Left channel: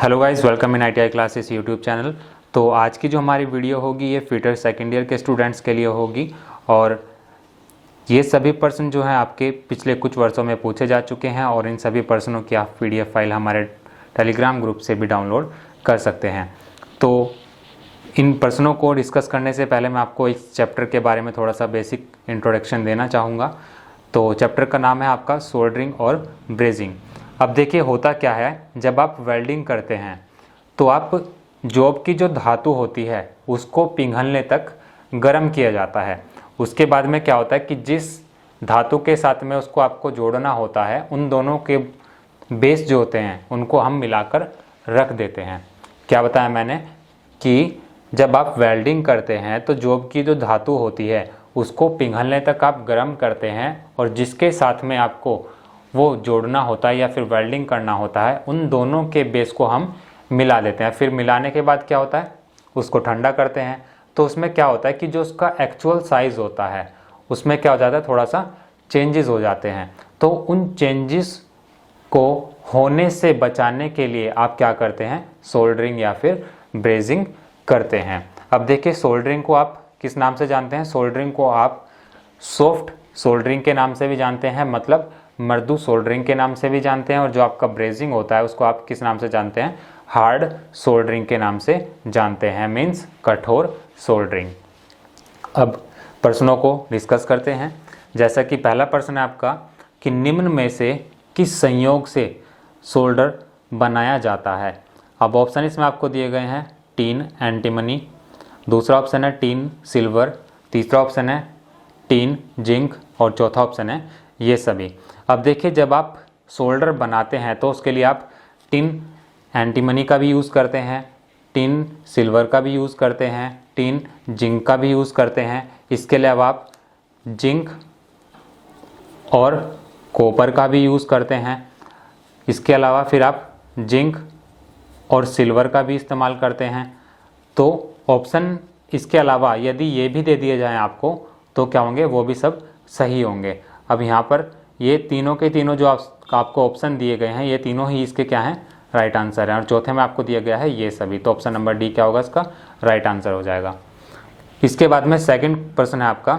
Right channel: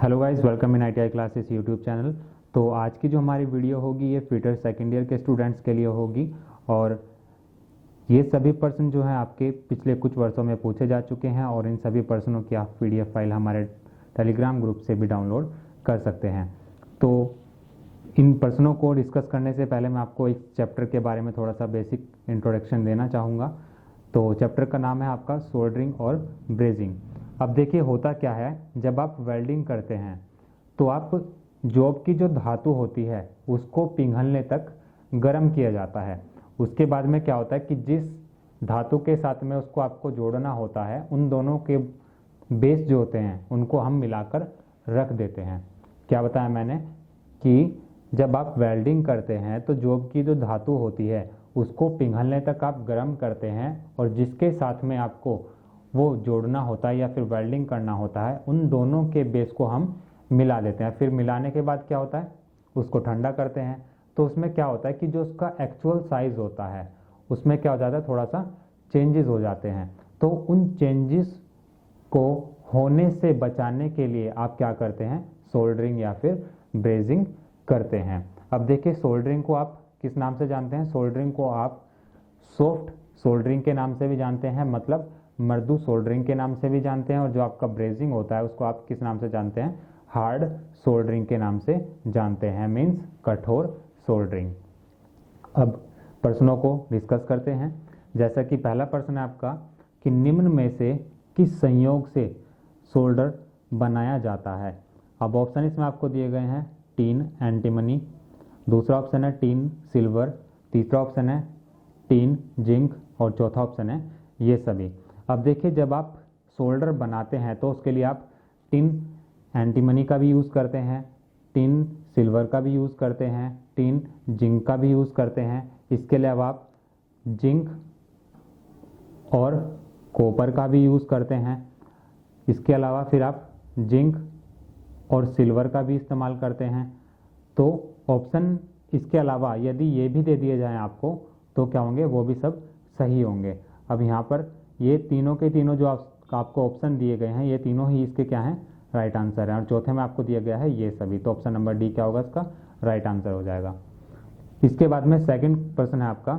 Hello guys, welcome in ITI classes YouTube channel. तो आज की जो हमारी वीडियो होगी ये फिटर सेकेंड ईयर के स्टूडेंट्स के लिए होगी और ये सभी प्रश्न जो हैं आपके पिछले कुछ वर्षों में पूछे जा चुके हैं और इन सभी प्रश्नों की आप PDF फाइल हमारे टेलीग्राम ग्रुप से भी डाउनलोड कर सकते हैं। तो इन प्रश्नों को डिस्कस करने से पहले मैं आपको इस चैप्टर के बारे में थोड़ा सा बेसिक इंट्रोडक्शन देना चाहूँगा। तो चैप्टर का नाम है आपका सोल्डरिंग और ब्रेजिंग। अब देखिए होता क्या है, जब आप वेल्डिंग करते हैं तो आप जॉब की जो धातु होती है उसको पिघलने तक गर्म किया जाता है। उसके बाद में क्या होता है कि जिस धातु के साथ में उसको आपको जोड़ना होता है उन दोनों के बेस जो होते हैं उनको हम मिलाकर रख देते हैं। क्या बताया मैंने कि जब आप वेल्डिंग करते हैं तो जॉब की जो धातु होती है उसको पिघलने तक आप गर्म करते हैं और जिसके साथ में आपको वो जोड़ना होता है या फिर वेल्डिंग करना होता है उन दोनों के बेस को हम मिला देते हैं। फिर मिलाने के बाद क्या होता है, उसको ठंडा करते हैं। तो उसमें क्या होता है कि जो उसका एक्चुअल साइज़ होता है उसमें क्या हो जाता है, थोड़ा सा चेंजेस हो जाते हैं। तो उन चेंजेस को होने से बचाने के लिए आप क्या करते हैं, सोल्डरिंग या फिर ब्रेजिंग करते हैं। अब देखिए सोल्डरिंग को आप किस नाम से जानते हैं? सोल्डरिंग को आप सॉफ्ट सोल्डरिंग के नाम से भी जानते हैं, मतलब मृदु सोल्डरिंग के नाम से भी जानते हैं। और जो आपका ब्रेजिंग होता है उसको आप किस नाम से जानते हैं? हार्ड सोल्डरिंग के नाम से जानते हैं, मीन्स कठोर सोल्डरिंग। अब प्रश्नों को डिस्कस करते हैं। जैसा कि पहला प्रश्न है आपका कि निम्न में से किस संयोग से सोल्डर बनाया जाता है। अब ऑप्शन इसमें आपको दिए गए हैं टीन एंटीमनी, दूसरा ऑप्शन है टीन सिल्वर, तीसरा ऑप्शन है टीन जिंक और चौथा ऑप्शन है ये सभी। अब देखिए जब आप सोल्डर बनाते हैं तो उसके लिए आप टिन एंटीमनी का भी यूज़ करते हैं, टिन सिल्वर का भी यूज़ करते हैं, टिन जिंक का भी यूज़ करते हैं। इसके अलावा आप जिंक और कॉपर का भी यूज़ करते हैं। इसके अलावा फिर आप जिंक और सिल्वर का भी इस्तेमाल करते हैं। तो ऑप्शन इसके अलावा यदि ये भी दे दिए जाएँ आपको तो क्या होंगे, वो भी सब सही होंगे। अब यहाँ पर ये तीनों के तीनों जो आपको ऑप्शन दिए गए हैं ये तीनों ही इसके क्या हैं, राइट आंसर है। और चौथे में आपको दिया गया है ये सभी, तो ऑप्शन नंबर डी क्या होगा, इसका राइट आंसर हो जाएगा। इसके बाद में सेकंड प्रश्न है आपका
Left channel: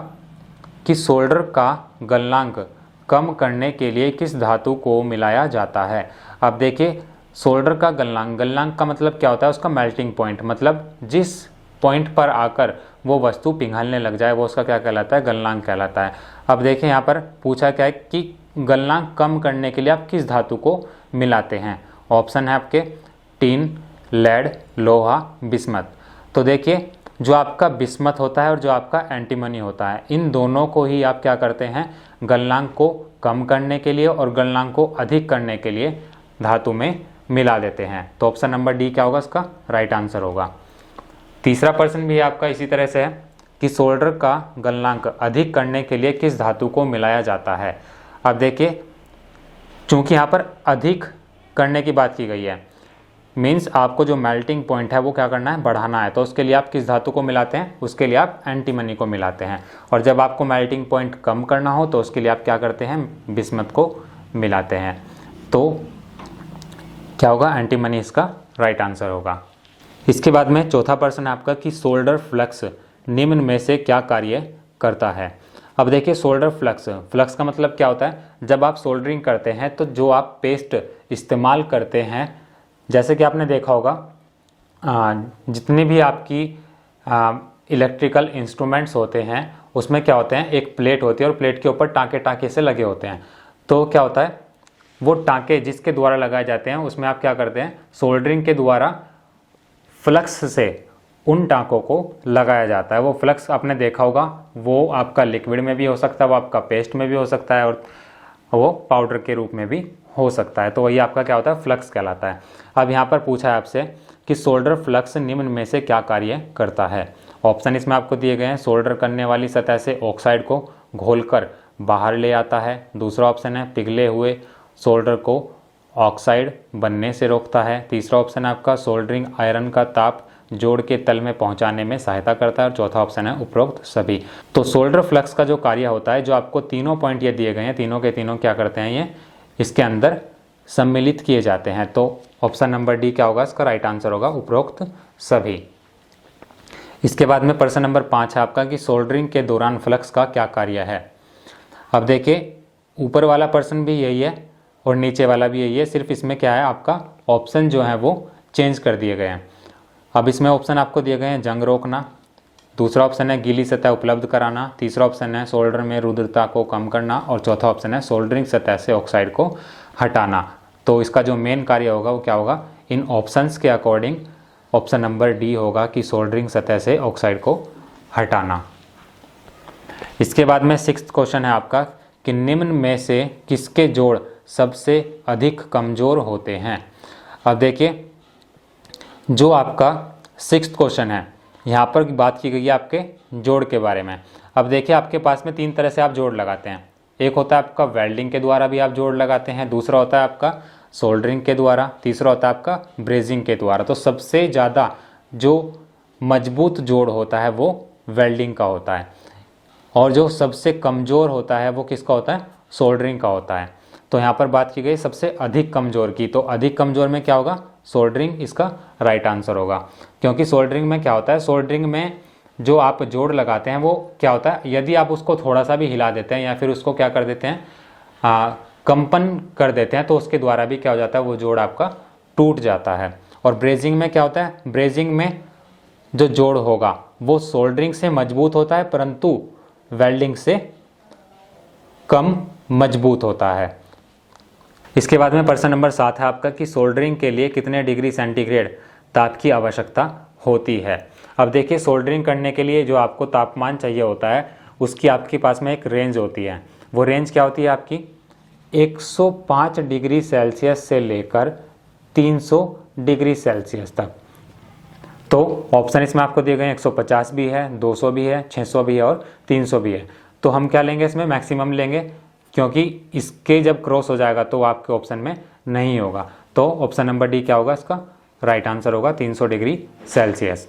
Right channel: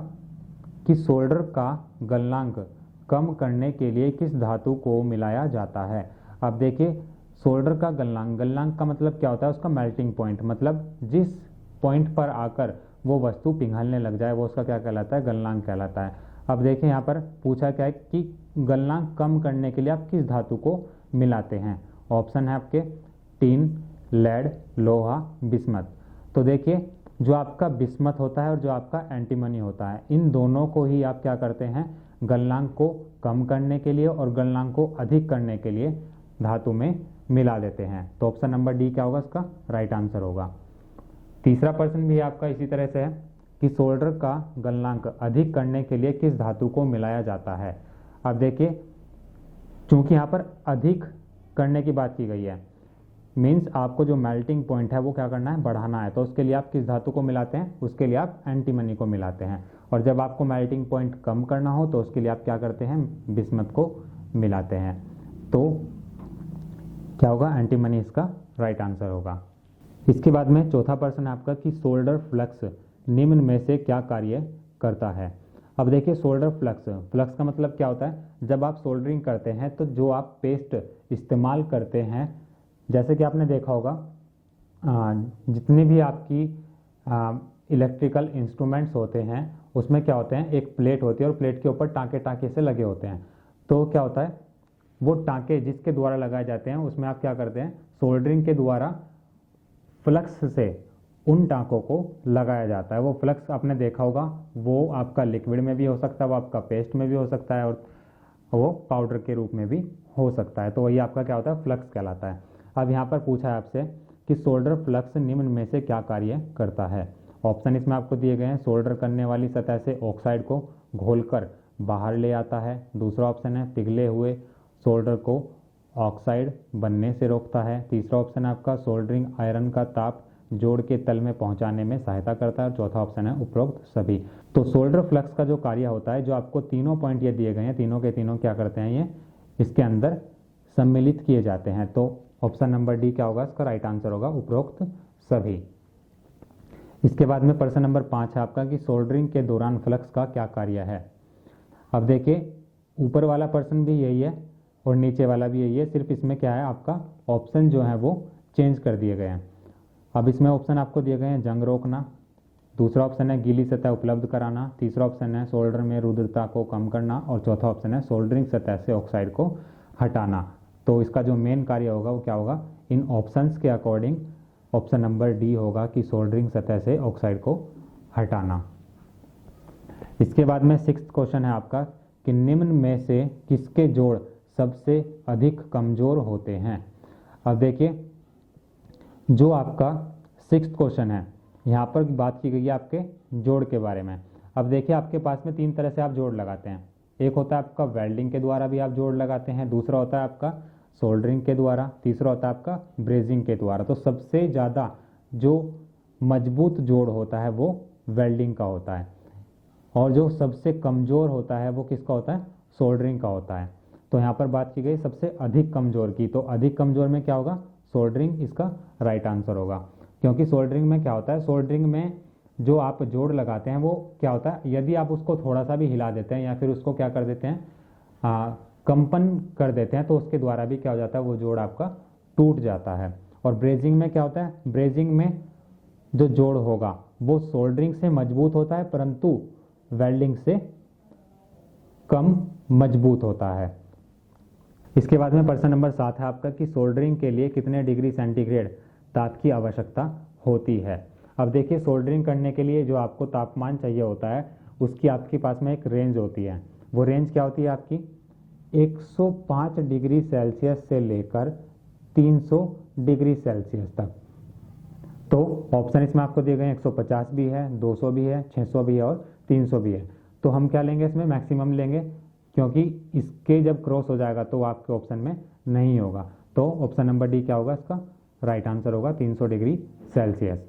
कि सोल्डर का गलनांक कम करने के लिए किस धातु को मिलाया जाता है। अब देखिए सोल्डर का गलनांक का मतलब क्या होता है, उसका मेल्टिंग पॉइंट, मतलब जिस पॉइंट पर आकर वो वस्तु पिघलने लग जाए वो उसका क्या कहलाता है, गलनांक कहलाता है। अब देखें यहाँ पर पूछा क्या है कि गलनांक कम करने के लिए आप किस धातु को मिलाते हैं। ऑप्शन है आपके टीन, लेड, लोहा, बिस्मथ। तो देखिए जो आपका बिस्मथ होता है और जो आपका एंटीमनी होता है इन दोनों को ही आप क्या करते हैं, गलनांक को कम करने के लिए और गलनांक को अधिक करने के लिए धातु में मिला देते हैं। तो ऑप्शन नंबर डी क्या होगा, इसका राइट आंसर होगा। तीसरा प्रश्न भी आपका इसी तरह से है कि सोल्डर का गलनांक अधिक करने के लिए किस धातु को मिलाया जाता है। अब देखिए चूंकि यहाँ पर अधिक करने की बात की गई है, मीन्स आपको जो मेल्टिंग पॉइंट है वो क्या करना है, बढ़ाना है। तो उसके लिए आप किस धातु को मिलाते हैं, उसके लिए आप एंटीमनी को मिलाते हैं। और जब आपको मेल्टिंग पॉइंट कम करना हो तो उसके लिए आप क्या करते हैं, बिस्मथ को मिलाते हैं। तो क्या होगा, एंटीमनी इसका राइट आंसर होगा। इसके बाद में चौथा प्रश्न है आपका कि सोल्डर फ्लक्स निम्न में से क्या कार्य करता है। अब देखिए सोल्डर फ्लक्स का मतलब क्या होता है, जब आप सोल्डरिंग करते हैं तो जो आप पेस्ट इस्तेमाल करते हैं, जैसे कि आपने देखा होगा जितनी भी आपकी इलेक्ट्रिकल इंस्ट्रूमेंट्स होते हैं उसमें क्या होते हैं, एक प्लेट होती है और प्लेट के ऊपर टाँके टाँके से लगे होते हैं। तो क्या होता है, वो टाँके जिसके द्वारा लगाए जाते हैं उसमें आप क्या करते हैं, सोल्डरिंग के द्वारा फ्लक्स से उन टाँकों को लगाया जाता है। वो फ्लक्स आपने देखा होगा, वो आपका लिक्विड में भी हो सकता है, वो आपका पेस्ट में भी हो सकता है और वो पाउडर के रूप में भी हो सकता है। तो वही आपका क्या होता है, फ्लक्स कहलाता है। अब यहाँ पर पूछा है आपसे कि सोल्डर फ्लक्स निम्न में से क्या कार्य करता है। ऑप्शन इसमें आपको दिए गए हैं, सोल्डर करने वाली सतह से ऑक्साइड को घोलकर बाहर ले आता है। दूसरा ऑप्शन है पिघले हुए सोल्डर को ऑक्साइड बनने से रोकता है। तीसरा ऑप्शन है आपका सोल्डरिंग आयरन का ताप जोड़ के तल में पहुंचाने में सहायता करता है। और चौथा ऑप्शन है उपरोक्त सभी। तो सोल्डर फ्लक्स का जो कार्य होता है, जो आपको तीनों पॉइंट ये दिए गए हैं, तीनों के तीनों क्या करते हैं, ये इसके अंदर सम्मिलित किए जाते हैं। तो ऑप्शन नंबर डी क्या होगा इसका राइट आंसर होगा, उपरोक्त सभी। इसके बाद में प्रश्न नंबर 5 है आपका कि सोल्डरिंग के दौरान फ्लक्स का क्या कार्य है। अब देखिए ऊपर वाला प्रश्न भी यही है और नीचे वाला भी यही है, सिर्फ इसमें क्या है आपका ऑप्शन जो है वो चेंज कर दिए गए हैं। अब इसमें ऑप्शन आपको दिए गए हैं जंग रोकना, दूसरा ऑप्शन है गीली सतह उपलब्ध कराना, तीसरा ऑप्शन है सोल्डर में रुद्रता को कम करना और चौथा ऑप्शन है सोल्डरिंग सतह से ऑक्साइड को हटाना। तो इसका जो मेन कार्य होगा वो क्या होगा, इन ऑप्शंस के अकॉर्डिंग ऑप्शन नंबर डी होगा कि सोल्डरिंग सतह से ऑक्साइड को हटाना। इसके बाद में 6th क्वेश्चन है आपका कि निम्न में से किसके जोड़ सबसे अधिक कमज़ोर होते हैं। अब देखिए जो आपका 6th क्वेश्चन है यहाँ पर बात की गई है आपके जोड़ के बारे में। अब देखिए आपके पास में 3 तरह से आप जोड़ लगाते हैं, एक होता है आपका वेल्डिंग के द्वारा भी आप जोड़ लगाते हैं, दूसरा होता है आपका सोल्डरिंग के द्वारा, तीसरा होता है आपका ब्रेजिंग के द्वारा। तो सबसे ज़्यादा जो मजबूत जोड़ होता है वो वेल्डिंग का होता है और जो सबसे कमज़ोर होता है वो किसका होता है, सोल्डरिंग का होता है। तो यहाँ पर बात की गई सबसे अधिक कमज़ोर की, तो अधिक कमज़ोर में क्या होगा, सोल्डरिंग इसका राइट आंसर होगा। क्योंकि सोल्डरिंग में क्या होता है, सोल्डरिंग में जो आप जोड़ लगाते हैं वो क्या होता है, यदि आप उसको थोड़ा सा भी हिला देते हैं या फिर उसको क्या कर देते हैं कंपन कर देते हैं तो उसके द्वारा भी क्या हो जाता है, वो जोड़ आपका टूट जाता है। और ब्रेजिंग में क्या होता है, ब्रेजिंग में जो जोड़ होगा वो सोल्डरिंग से मजबूत होता है परंतु वेल्डिंग से कम मजबूत होता है। इसके बाद में प्रश्न नंबर 7 है आपका कि सोल्डरिंग के लिए कितने डिग्री सेंटीग्रेड ताप की आवश्यकता होती है। अब देखिए सोल्डरिंग करने के लिए जो आपको तापमान चाहिए होता है उसकी आपके पास में एक रेंज होती है। वो रेंज क्या होती है आपकी 105 डिग्री सेल्सियस से लेकर 300 डिग्री सेल्सियस तक। तो ऑप्शन इसमें आपको दिए गए हैं 150 भी है, 200 भी है, 600 भी है और 300 भी है। तो हम क्या लेंगे, इसमें मैक्सिमम लेंगे क्योंकि इसके जब क्रॉस हो जाएगा तो आपके ऑप्शन में नहीं होगा। तो ऑप्शन नंबर डी क्या होगा, इसका राइट आंसर होगा 300 डिग्री सेल्सियस।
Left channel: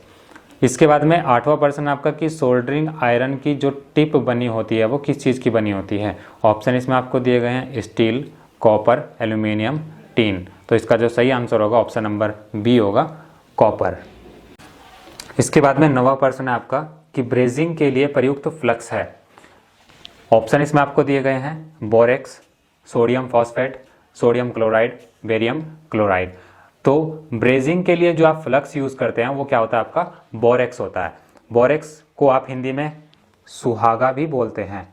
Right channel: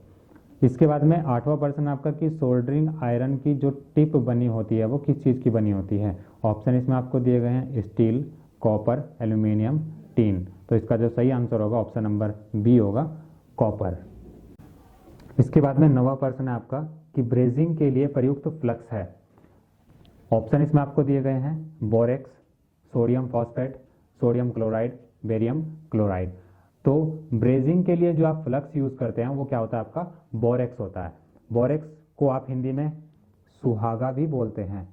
इसके बाद में 8वां प्रश्न आपका कि सोल्डरिंग आयरन की जो टिप बनी होती है वो किस चीज़ की बनी होती है। ऑप्शन इसमें आपको दिए गए हैं स्टील, कॉपर, एल्यूमिनियम, टीन। तो इसका जो सही आंसर होगा ऑप्शन नंबर बी होगा, कॉपर। इसके बाद में 9वां प्रश्न है आपका कि ब्रेजिंग के लिए प्रयुक्त फ्लक्स है। ऑप्शन इसमें आपको दिए गए हैं borax, sodium phosphate, sodium chloride, barium chloride. तो ब्रेजिंग के लिए जो आप फ्लक्स यूज़ करते हैं वो क्या होता है आपका बोरेक्स होता है। बोरेक्स को आप हिंदी में सुहागा भी बोलते हैं।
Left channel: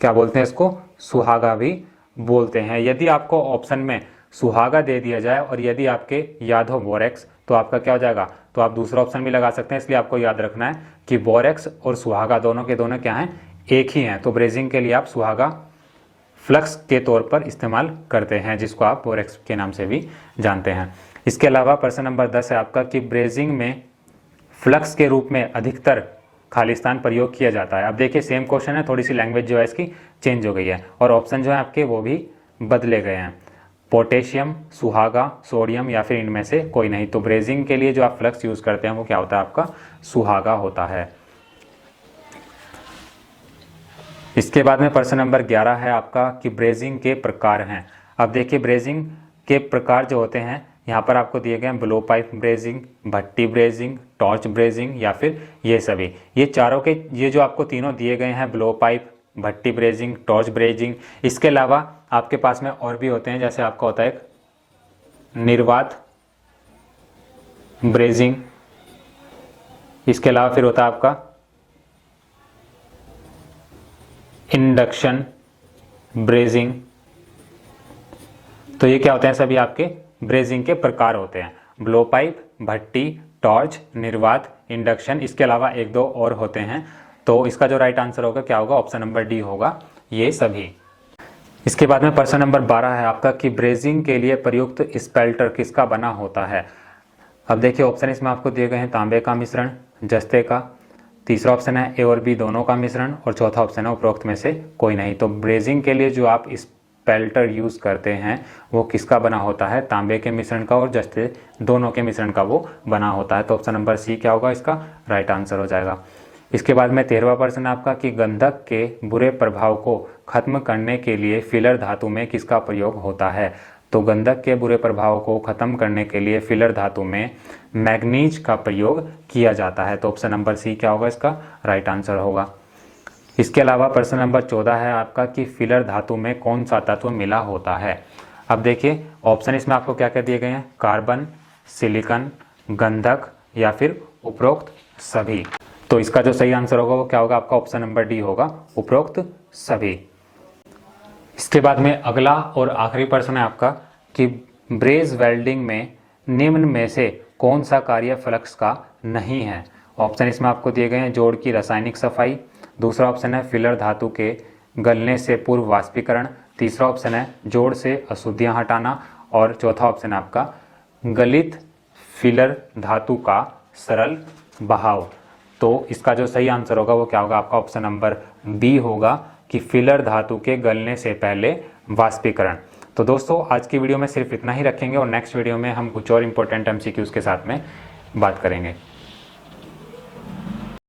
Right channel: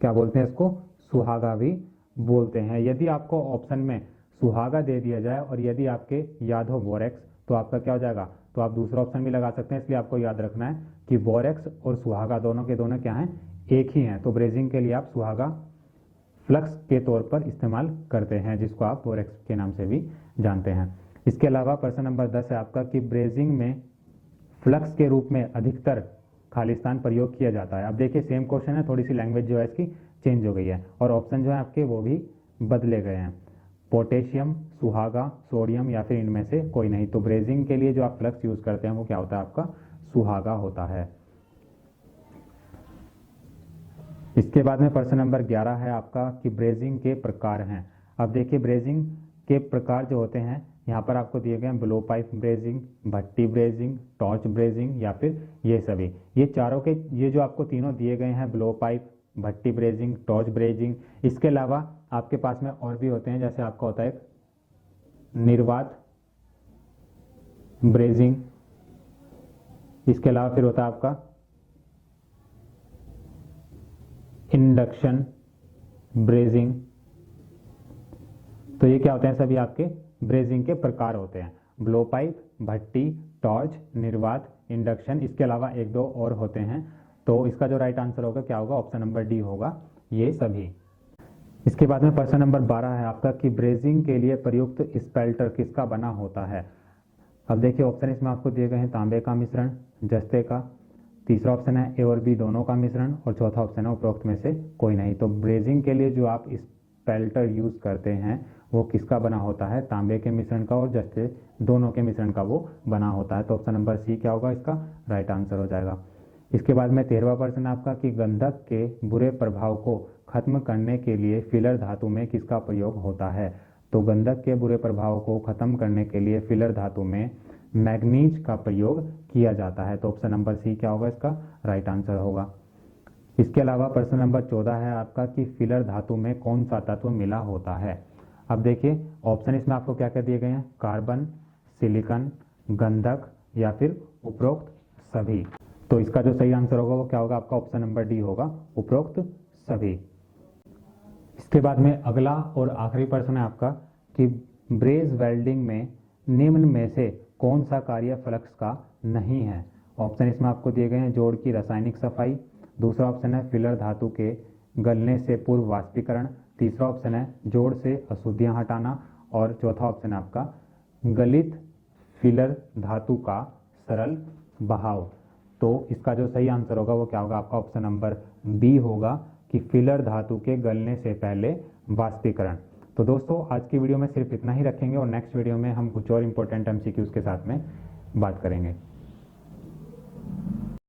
क्या बोलते हैं इसको, सुहागा भी बोलते हैं। यदि आपको ऑप्शन में सुहागा दे दिया जाए और यदि आपके याद हो बोरेक्स तो आपका क्या हो जाएगा, तो आप दूसरा ऑप्शन भी लगा सकते हैं। इसलिए आपको याद रखना है कि बोरेक्स और सुहागा दोनों के दोनों क्या हैं, एक ही हैं। तो ब्रेजिंग के लिए आप सुहागा फ्लक्स के तौर पर इस्तेमाल करते हैं जिसको आप बोरेक्स के नाम से भी जानते हैं। इसके अलावा प्रश्न नंबर 10 है आपका कि ब्रेजिंग में फ्लक्स के रूप में अधिकतर खालिस्तान प्रयोग किया जाता है। अब देखिए सेम क्वेश्चन है, थोड़ी सी लैंग्वेज जो है इसकी चेंज हो गई है और ऑप्शन जो है आपके वो भी बदले गए हैं। पोटेशियम, सुहागा, सोडियम या फिर इनमें से कोई नहीं। तो ब्रेजिंग के लिए जो आप फ्लक्स यूज़ करते हैं वो क्या होता है आपका सुहागा होता है। इसके बाद में प्रश्न नंबर 11 है आपका कि ब्रेजिंग के प्रकार हैं। अब देखिए ब्रेजिंग के प्रकार जो होते हैं यहाँ पर आपको दिए गए हैं ब्लो पाइप ब्रेजिंग, भट्टी ब्रेजिंग, टॉर्च ब्रेजिंग या फिर ये सभी। ये चारों के ये जो आपको तीनों दिए गए हैं ब्लो पाइप, भट्टी ब्रेजिंग, टॉर्च ब्रेजिंग, इसके अलावा आपके पास में और भी होते हैं। जैसे आपका होता है एक निर्वात ब्रेजिंग, इसके अलावा फिर होता है आपका इंडक्शन ब्रेजिंग। तो ये क्या होते हैं, सभी आपके ब्रेजिंग के प्रकार होते हैं। ब्लो पाइप, भट्टी, टॉर्च, निर्वात, इंडक्शन, इसके अलावा एक दो और होते हैं। तो इसका जो राइट आंसर होगा क्या होगा, ऑप्शन नंबर डी होगा, ये सभी। इसके बाद में प्रश्न नंबर 12 है आपका कि ब्रेजिंग के लिए प्रयुक्त स्पेल्टर किसका बना होता है। अब देखिए ऑप्शन इसमें आपको दिए गए हैं तांबे का मिश्रण, जस्ते का, तीसरा ऑप्शन है ए और बी दोनों का मिश्रण और चौथा ऑप्शन है उपरोक्त में से कोई नहीं। तो ब्रेजिंग के लिए जो आप स्पेल्टर यूज़ करते हैं वो किसका बना होता है, तांबे के मिश्रण का और जस्ते दोनों के मिश्रण का वो बना होता है। तो ऑप्शन नंबर सी क्या होगा, इसका राइट आंसर हो जाएगा। इसके बाद में 13वां प्रश्न आपका कि गंधक के बुरे प्रभाव को खत्म करने के लिए फिलर धातु में किसका प्रयोग होता है। तो गंधक के बुरे प्रभाव को खत्म करने के लिए फिलर धातु में मैग्नीज का प्रयोग किया जाता है। तो ऑप्शन नंबर सी क्या होगा, इसका राइट आंसर होगा। इसके अलावा प्रश्न नंबर 14 है आपका कि फिलर धातु में कौन सा तत्व मिला होता है। अब देखिए ऑप्शन इसमें आपको क्या क्या दिए गए हैं, कार्बन, सिलिकॉन, गंधक या फिर उपरोक्त सभी। तो इसका जो सही आंसर होगा वो क्या होगा, आपका ऑप्शन नंबर डी होगा, उपरोक्त सभी। इसके बाद में अगला और आखिरी प्रश्न है आपका कि ब्रेज वेल्डिंग में निम्न में से कौन सा कार्य फ्लक्स का नहीं है। ऑप्शन इसमें आपको दिए गए हैं, जोड़ की रासायनिक सफाई, दूसरा ऑप्शन है फिलर धातु के गलने से पूर्व वाष्पीकरण, तीसरा ऑप्शन है जोड़ से अशुद्धियां हटाना और चौथा ऑप्शन है आपका गलित फिलर धातु का सरल बहाव। तो इसका जो सही आंसर होगा वो क्या होगा, आपका ऑप्शन नंबर बी होगा कि फिलर धातु के गलने से पहले वाष्पीकरण। तो दोस्तों आज की वीडियो में सिर्फ इतना ही रखेंगे और नेक्स्ट वीडियो में हम कुछ और इंपॉर्टेंट एमसीक्यूज के साथ में बात करेंगे।